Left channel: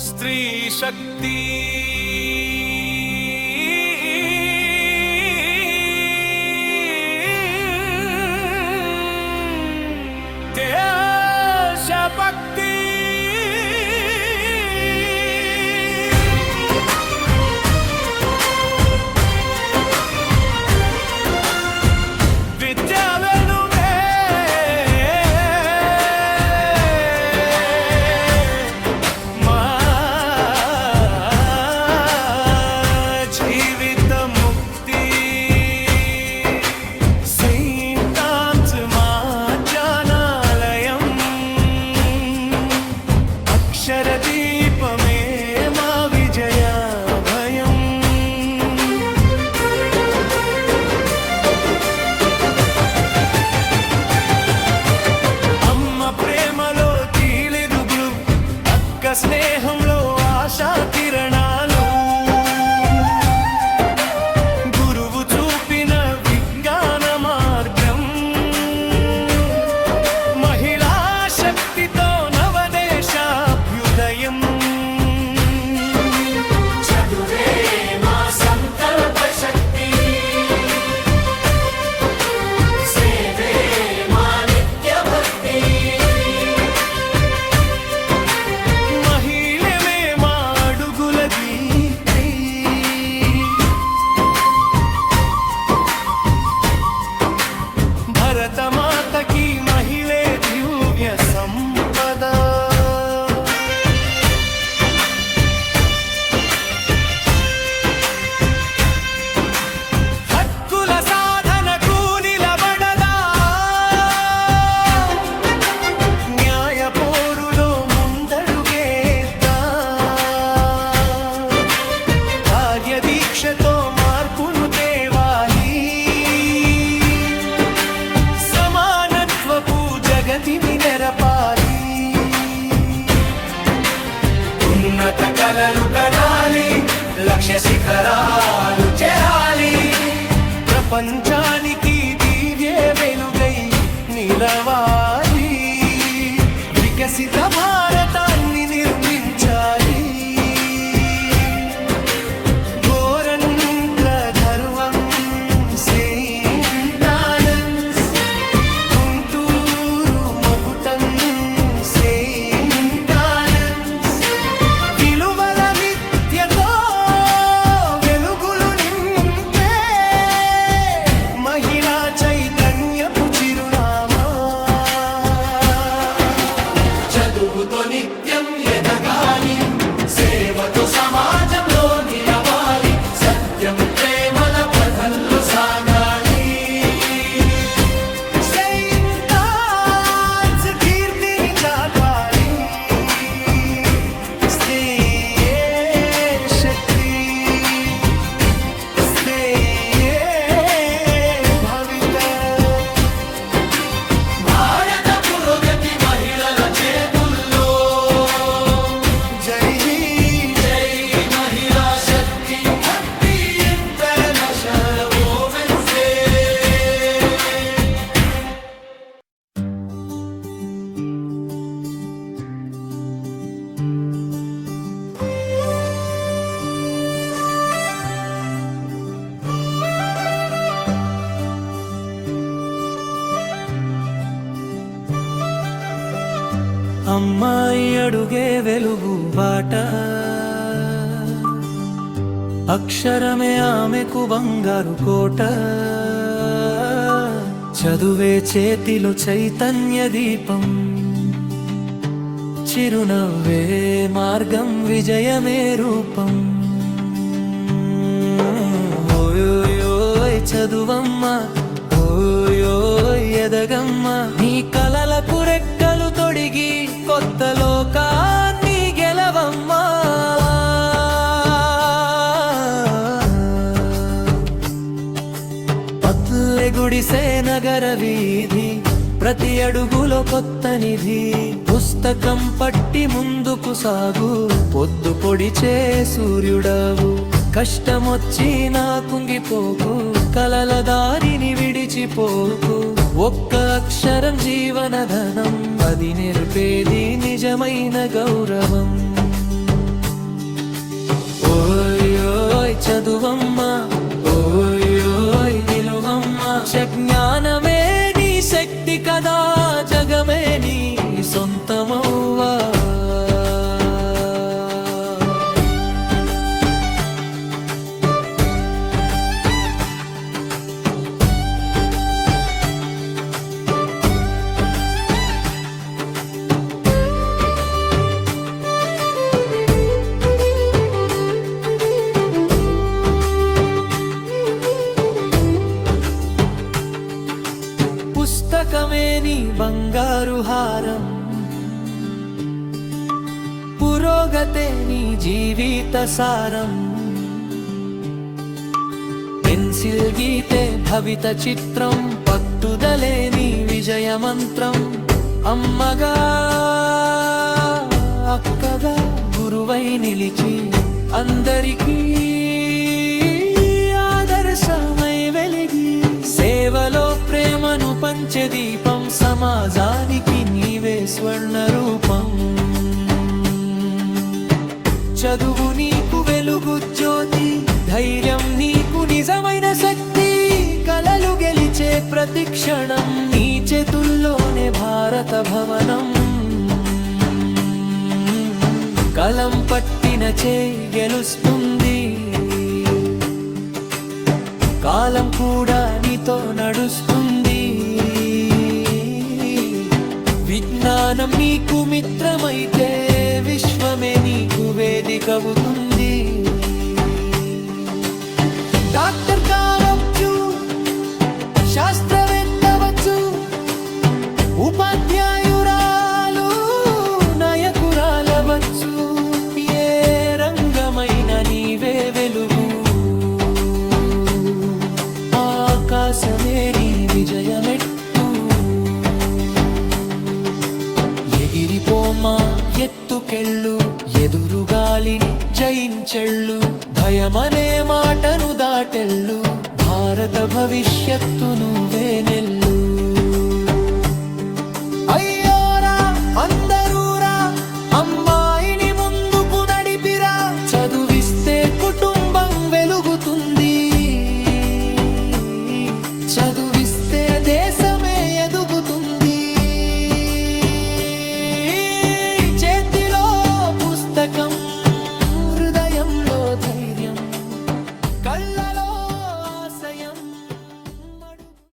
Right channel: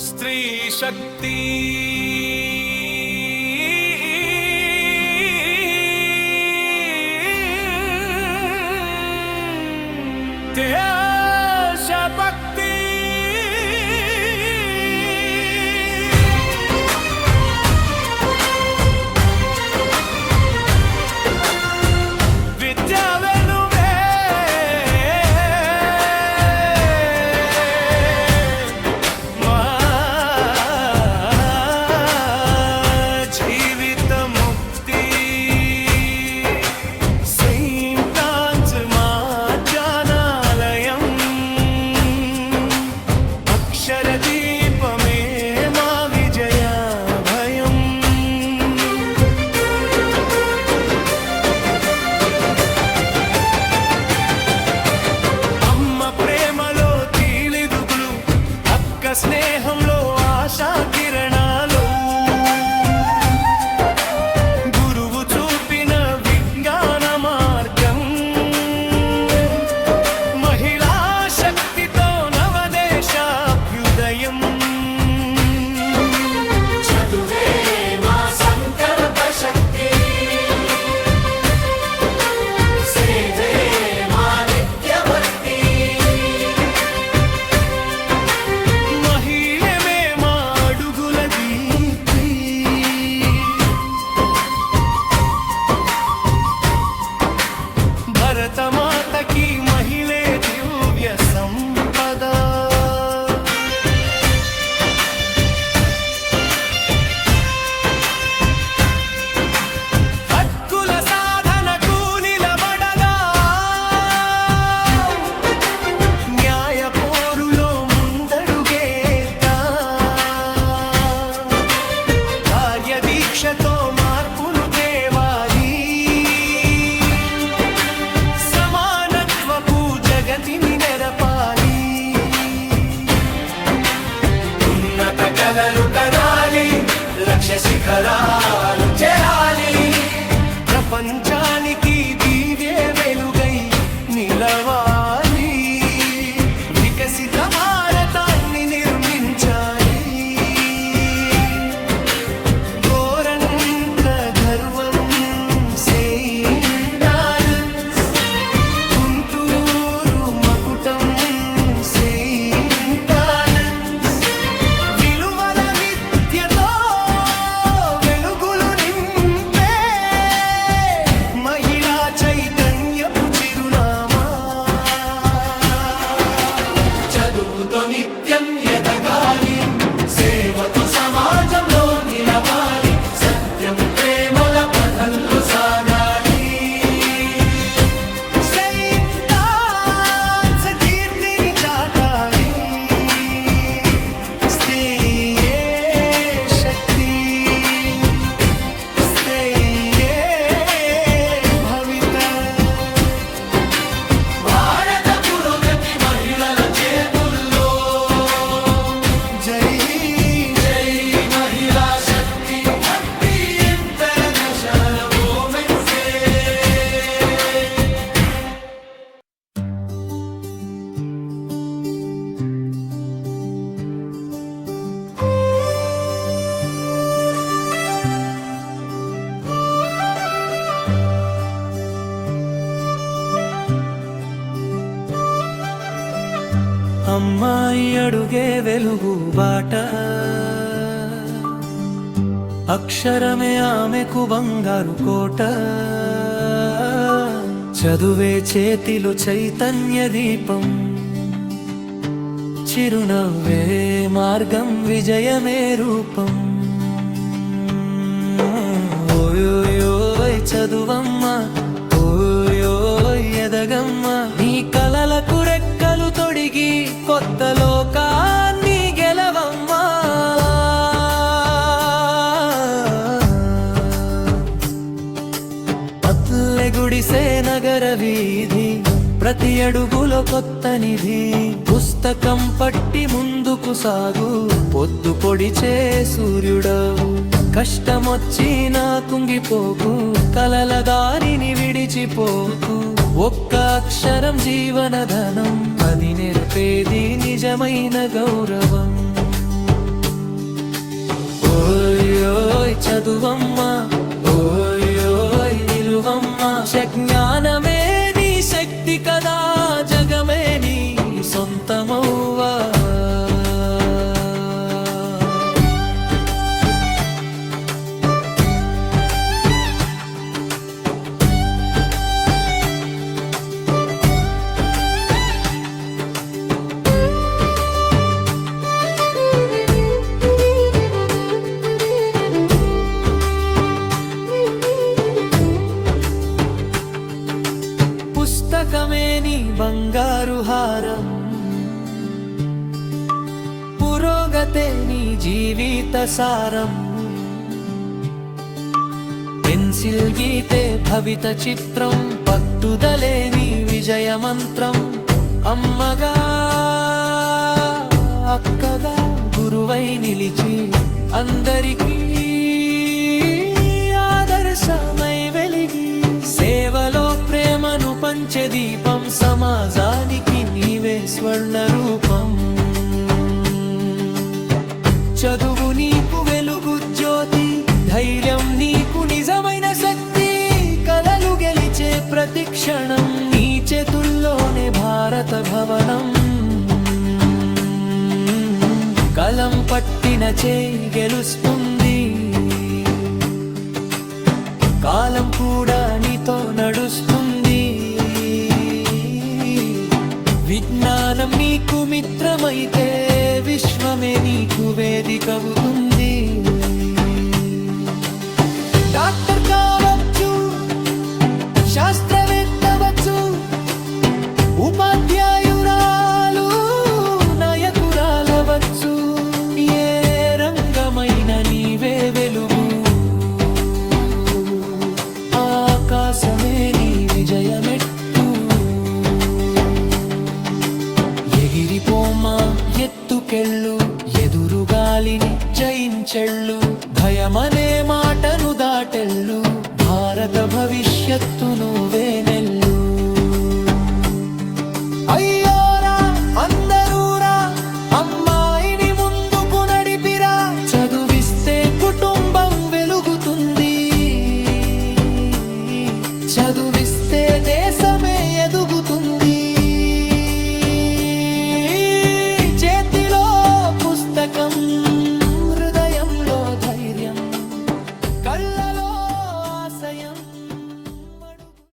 స్త్రీ శక్తి దేశభక్తి విద్యా వెలుగే మా జీవిత ముక్తి సెయింట్ ఆన్స్ మా జ్ఞానాలయం అక్షర దీపమే మా విజయ భయం అమ్మ ప్రేమలో తీలిదుగులు అక్క స్నేహంలో ఆశా కిరణాలు గురువు చూపిన విజ్ఞాన మార్గం మహిళా శక్తితో నవదేశాభ్యుదయం చదువే మా సంకల్ప శక్తి సేవే మా నిత్య భక్తి మహిళమే మా అడుగుల దీప్తి భరతమాతకి మహిళే దివ్య సంపద హక్కుల సాధనకు నిలబడగా న్యాయ పోరులో ముందడుగేద్దా కార్యదీక్షతో మార్పును తేవాలి సమానత్వపు జగతిని నెరపాలి ఉన్నత కలలు కనాలి లక్ష్య శిఖరాలు చేరాలి ప్రపంచానికి దివ్య వెలుగై నిలవాలి వికసిత భారతాన్ని నిర్మించాలి గోరంట్ల గర్వం సెయింట్ ఆనెస్ గుంటూరు మకుటం సెయింట్ ఆనెస్ విలువల విద్యతో వెలుగులు నింపే మహిళా చైతన్యపు చిరునామా చదువుతో నిత్యం ఎదగాలి సేవతో సమాజంలో నిలవాలి సత్యం ప్రేమల పథంలో సాగాలి సెయింట్ ఆన్స్ కీర్తిని చాటాలి స్త్రీయే శక్తి స్త్రీయే భవిత భారత పురోగతి మహిళల చేతుల్లో జై జై మహిళా శక్తి హ్యాపీ ఇంటర్నేషనల్ ఉమెన్స్ డే అమ్మాయి అడుగే వెలుగు బాట అక్షరమే ఆమెకు బంగారు కోట చదువే చేతిలో చైతన్య దీపం చిరునవ్వే మార్గం విజయమే రూపం ఓయోయ్ చదువమ్మా ఓయోయ్ ఎదగమ్మా నీ కలలకు రెక్కలు తొడిగి కొత్త లోకాన్ని గెలవమ్మా పత్లె గుడిసే నగర వీధి ప్రతి అడుగులో కొత్త నిధి పుస్తకం పట్టి ముందుకు సాగు పొద్దు పొడిచే సూర్యుడవు కష్టమొచ్చినా కుంగిపోకు కలల దారిని విడిచిపోకు ఒక్క అక్షరం జీవనధనం అది నేర్పేది నిజమైన గౌరవం చదువమ్మ ఓయ్ నిలువమ్మ జ్ఞానమే నీ శక్తి కదా జగమే నీ సొంతమవ్వా పుస్తకమే నీ బంగారు హారం పురోగతే నీ జీవిత సారం పెన్సిల్ గీతే భవిత చిత్రం పట్టుదలే నీ విజయ మంత్రం అమ్మగా అక్కగా గురువై నిలిచి అందరికీ ఆదర్శమై వెలిగి సేవలో ప్రేమను పంచే దీపం సమాజానికి నీవే స్వర్ణ రూపం చదువు నీకు వెలుగు జ్యోతి ధైర్యం నీకు నిజమైన శక్తి కలలు గెలిచే ప్రతి క్షణం నీ చేతుల్లోనే భారత భవనం కలం పట్టిన చేయి గెలుస్తుంది కాలం కూడా నీతో నడుస్తుంది విజ్ఞానం నీకు మిత్రమైతే విశ్వమే నీకు వేదికవుతుంది డాక్టర్ కావచ్చు శాస్త్రవేత్తవచ్చు ఉపాధ్యాయురాలు నాయకురాలవచ్చు ఏ రంగమైన నీవే వెలుగు ఆకాశమే నీ విజయమెట్టు ఎగిరిపోమా ఎత్తుకెళ్ళు ఎదురుగాలిని జయించెళ్ళు భయమనే మాటను దాటెళ్ళు భారత భవిష్యత్తు నువ్వే నెల్లు